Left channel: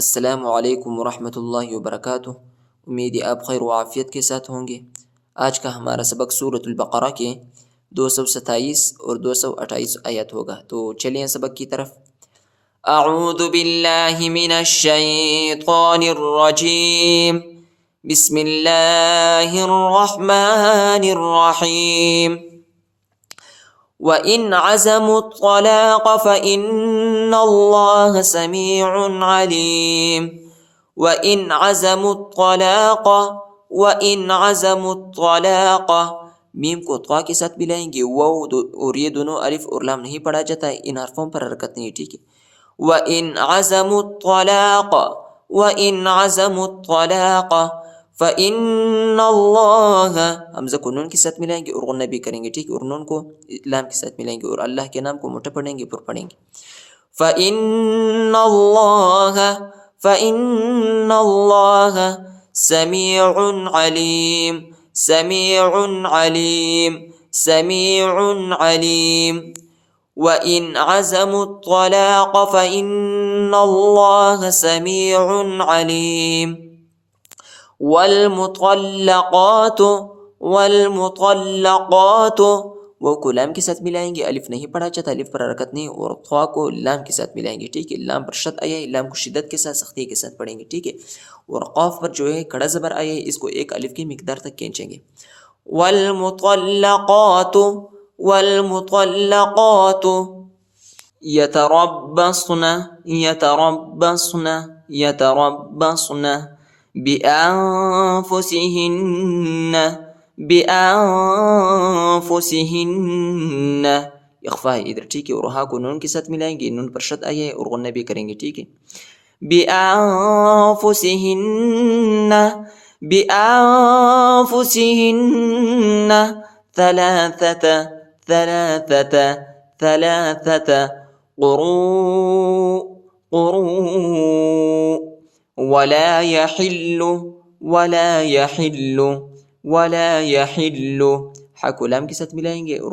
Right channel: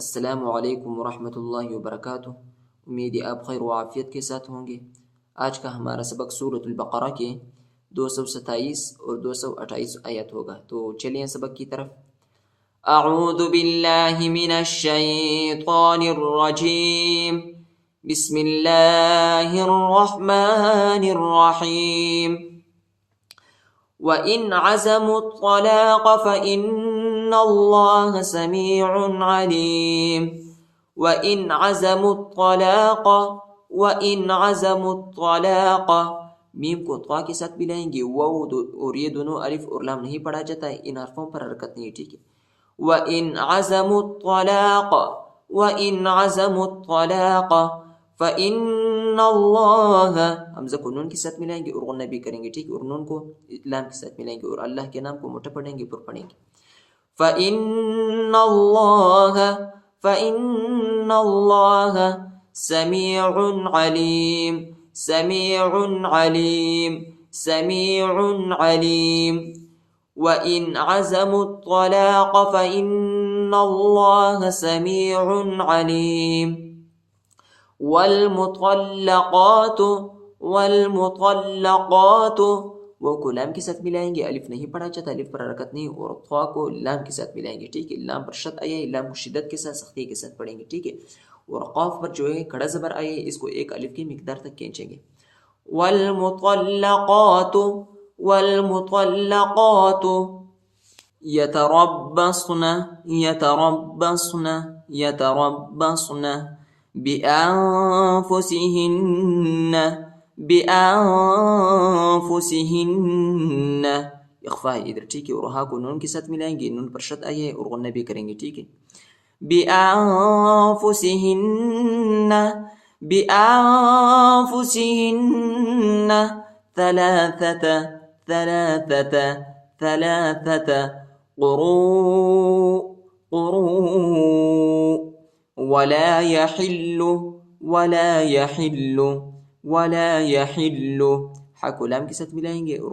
السلام علیکم ورحمۃ اللہ وبرکاتہ۔ امید ہے آپ خیر و عافیت کے ساتھ ہوں گے۔ آج کا ہمارا سبق سورۃ البقرہ کے 227 اور 228 آیت ہوگا، تو چلیں سبق کی طرف۔ اعوذ باللہ من الشیطان الرجیم، بسم اللہ الرحمن الرحیم۔ وَإِنْ عَزَمُوا الطَّلَاقَ فَإِنَّ اللَّهَ سَمِيعٌ عَلِيمٌ۔ وَإِنْ عَزَمُوا الطَّلَاقَ، وَإِنْ عَزَمُوا الطَّلَاقَ، میم کو طا کے ساتھ ملائیں گے، واو اور یہ دونوں الف اور لام نہیں پڑھا جاتا ہے، ان حرفوں پر حرکت نہیں، ٹھیک ہے۔ وَإِنْ عَزَمُوا الطَّلَاقَ، وَإِنْ عَزَمُوا الطَّلَاقَ فَإِنَّ اللَّهَ، حمزہ کو نون کے ساتھ ملائیں گے اور غنہ بھی کریں گے، ٹھیک ہے، اور نون کو لام کے ساتھ ملائیں گے اور اللہ کے نام کو موٹا پڑھیں گے، پر پڑھیں گے۔ فَإِنَّ اللَّهَ، فَإِنَّ اللَّهَ سَمِيعٌ عَلِيمٌ، سَمِيعٌ عَلِيمٌ، سَمِيعٌ عَلِيمٌ۔ وَإِنْ عَزَمُوا الطَّلَاقَ فَإِنَّ اللَّهَ سَمِيعٌ عَلِيمٌ۔ والمطلقات، والمطلقات، وہ کو لام کے ساتھ ملائیں گے، الف نہیں پڑھا جاتا، الف پر حرکت نہیں، اور خوا کو لام کے ساتھ ملائیں گے، ٹھیک ہے۔ لام پر شد آیا ہے، لام کو شدت کے ساتھ سختی کے ساتھ پڑھیں گے، ٹھیک ہے، اور قاف پر جو ہے کڑا زبر آیا ہے، اس کو ایک الف کی مقدار تک کھینچیں گے۔ والمطلقات، والمطلقات یتربصن، یتربصن، یتربصن بأنفسهن، بأنفسهن، اخفا ہے ادھر، ٹھیک ہے، اور ہا کو نون کے ساتھ ملائیں گے، نون پر شد آیا ہے اور غنہ بھی کریں گے، ٹھیک ہے۔ بأنفسهن، بأنفسهن ثلاثة، ثلاثة، ثلاثة قروء، قروء ولا يحل، ولا يحل، ولا يحل، حا کو لام کے ساتھ ملائیں گے اور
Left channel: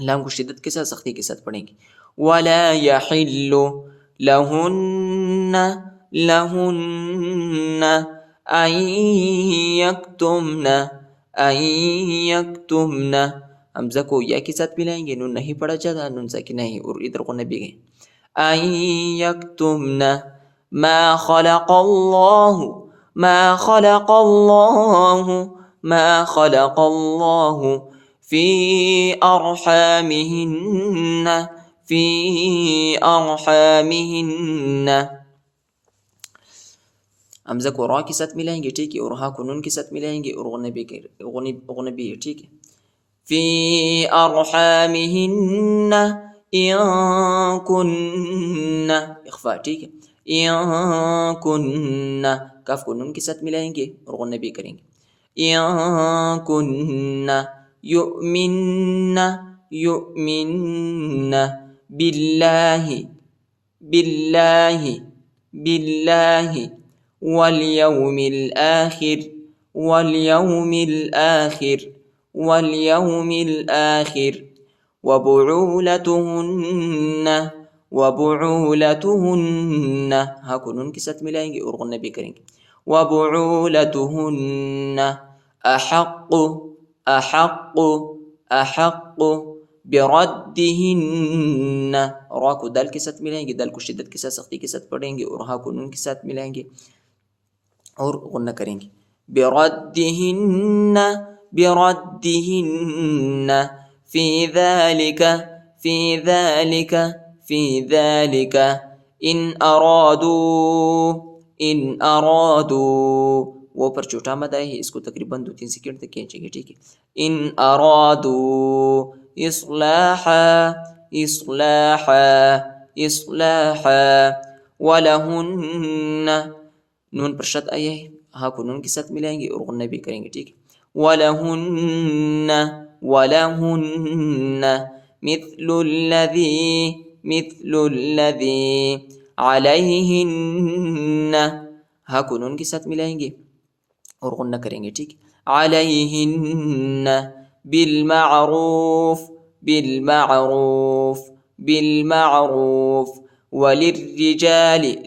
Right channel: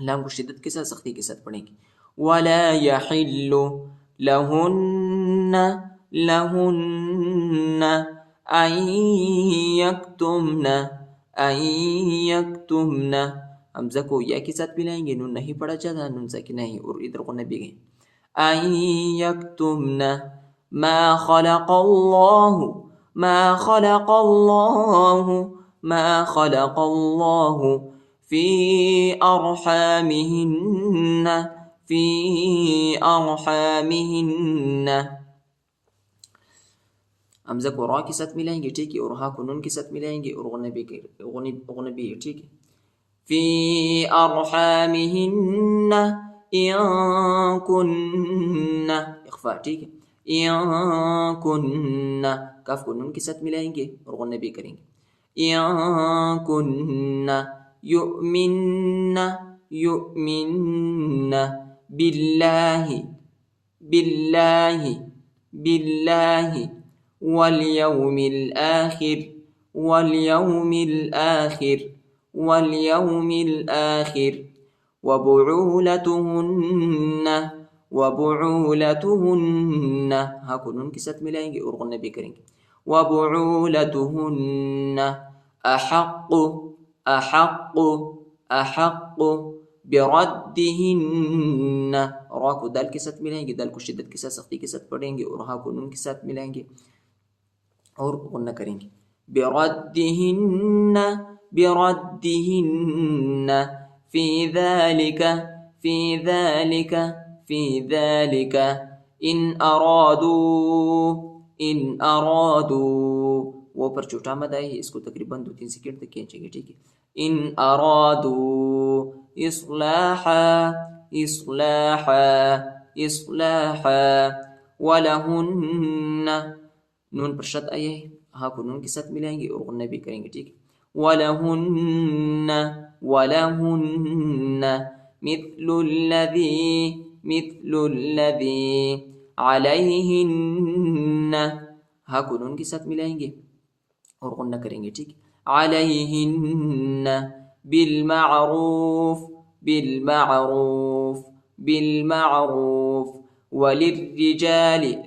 لام کو شدت کے ساتھ سختی کے ساتھ پڑھیں گے۔ ولا يحل لهن، لهن أن يكتمن، أن يكتمن، حمزہ کو یا کے ساتھ ملائیں گے، نون نہیں پڑھا جاتا، نون ساکنہ ہے اور ادھر کو نبی گئے۔ أن يكتمن ما خلق الله، ما خلق الله، ما خلق الله في أرحامهن، في أرحامهن، حمزہ کو را کے ساتھ ملائیں گے، ٹھیک ہے، اور ہا کو نون کے ساتھ ملائیں گے اور غنبی، ٹھیک ہے۔ في أرحامهن إن كن، اخفاء، ٹھیک ہے، إن كن، کاف کو نون کے ساتھ ملائیں گے اور غنہ بھی کریں گے۔ إن كن يؤمن، يؤمن بالله، بالله، بالله واليوم الآخر، واليوم الآخر، واليوم الآخر وبعولتهن، وبعولتهن، ہاں کو نون کے ساتھ ملائیں گے اور غنہ بھی کریں گے۔ وبعولتهن أحق، أحق، أحق بردهن، را کو دال کے ساتھ ملائیں گے، دال کو شدت کے ساتھ سختی کے ساتھ پڑھیں گے اور ہاں کو نون کے ساتھ ملائیں گے اور غنہ کریں گے۔ بردهن، بردهن في ذلك، في ذلك، في ذلك إن أرادوا، إن أرادوا، وہ پر چھوٹا مد ہے، اس کو تقریباً 2-3 سیکنڈ تک کھینچیں گے، ٹھیک ہے۔ إن أرادوا إصلاحا، إصلاحا، إصلاحا ولهن، نون پر شد آیا ہے، ہاں کو نون کے ساتھ ملائیں گے اور غنہ بھی کریں گے، ٹھیک ہے۔ وَلَهُنَّ، وَلَهُنَّ مِثْلُ الَّذِي، مِثْلُ الَّذِي عَلَيْهِنَّ، ہاں کو نون کے ساتھ ملائیں گے اور غنہ کریں گے، ٹھیک ہے۔ عَلَيْهِنَّ بِالْمَعْرُوفِ، بِالْمَعْرُوفِ، بِالْمَعْرُوفِ وللرجال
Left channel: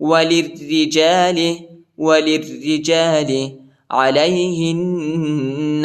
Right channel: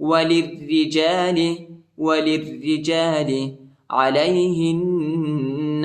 وللرجال وللرجال عليهن,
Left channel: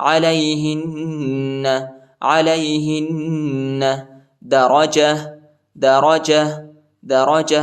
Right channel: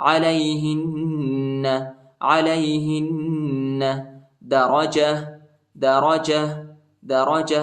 عليهن عليهن درجة درجة درجة,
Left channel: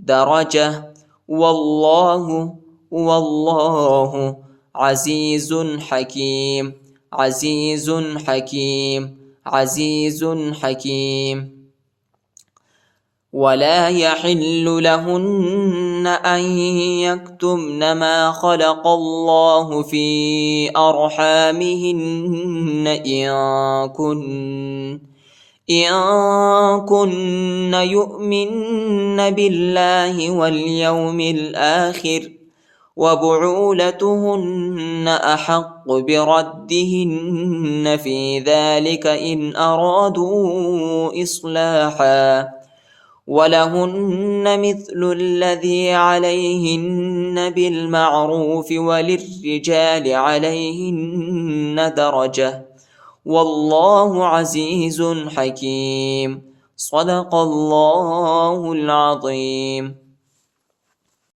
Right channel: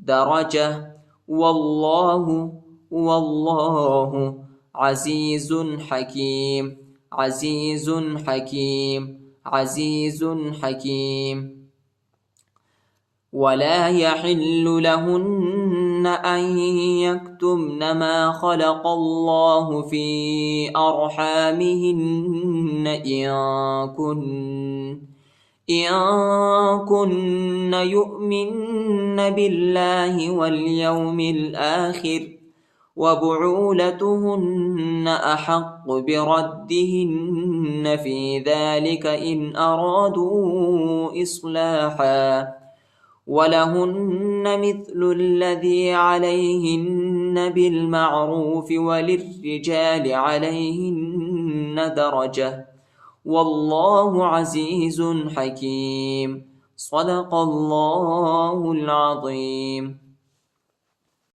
درجة. والله والله عزيز حكيم عزيز حكيم عزيز حكيم. ولا يحل لهن أن يكتمن ما خلق الله في أرحامهن إن كن يؤمن بالله واليوم الآخر وبعولتهن أحق بردهن في ذلك إن أرادوا إصلاحا ولهن مثل الذي عليهن بالمعروف وللرجال عليهن درجة والله عزيز حكيم. صدق الله العظيم.